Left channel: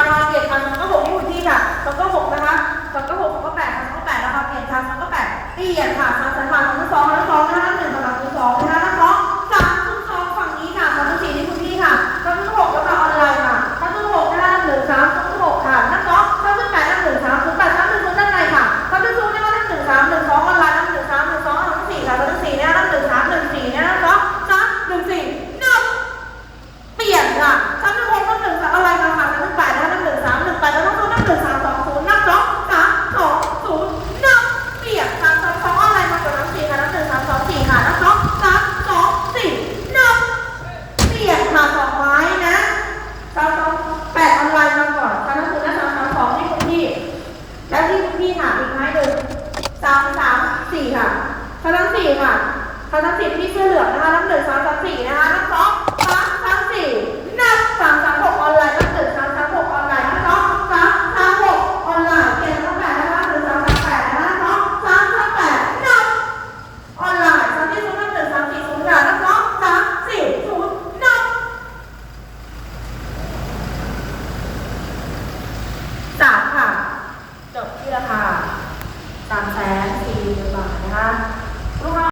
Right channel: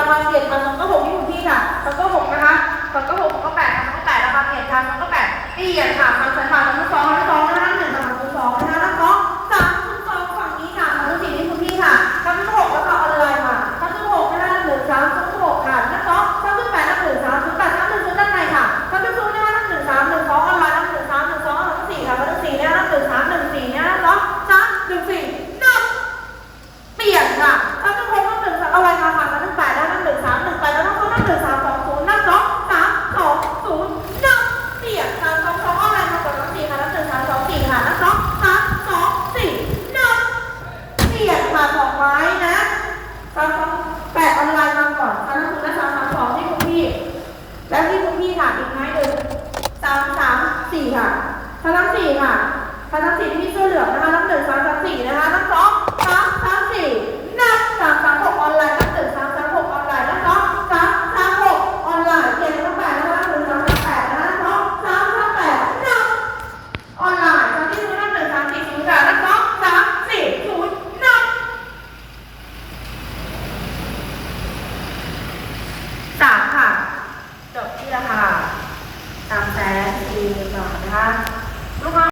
ราคาเกรดพันมันก็หกที่อยู่ที่ค่ะมันก็หกนะคะมันก็หกมันก็แปดมันก็แปดราคาเปลี่ยนมันก็แปดตีอะค่ะมันสาขาทั้งสอง ตั้งศูนย์ทั้งหนึ่งสามสองศูนย์ทั้งสองสามสองศูนย์หนึ่งเปลี่ยนค่ะทั้งสองอะไรมากับทั้งสี่ค่ะทั้งหนึ่งสามสองสี่ค่ะทั้งสองสามสองสี่หนึ่งเปลี่ยนค่ะสองไม้นะสามสองแปดออนไลน์มาก่อนค่ะทั้งศูนย์และสามสามสองที่คุณพี่ แล้วที่คุณพี่ค่ะอีกไม้หนึ่งสามสามสี่ค่ะทั้งสี่ค่ะทั้งสี่ที่เสื้อเหลืองนะคะ เวลนักร้สามสี่ศูนย์หนึ่งสามค่ะ จบที่ราคาสามแสนสี่หมื่นบาทนะคะ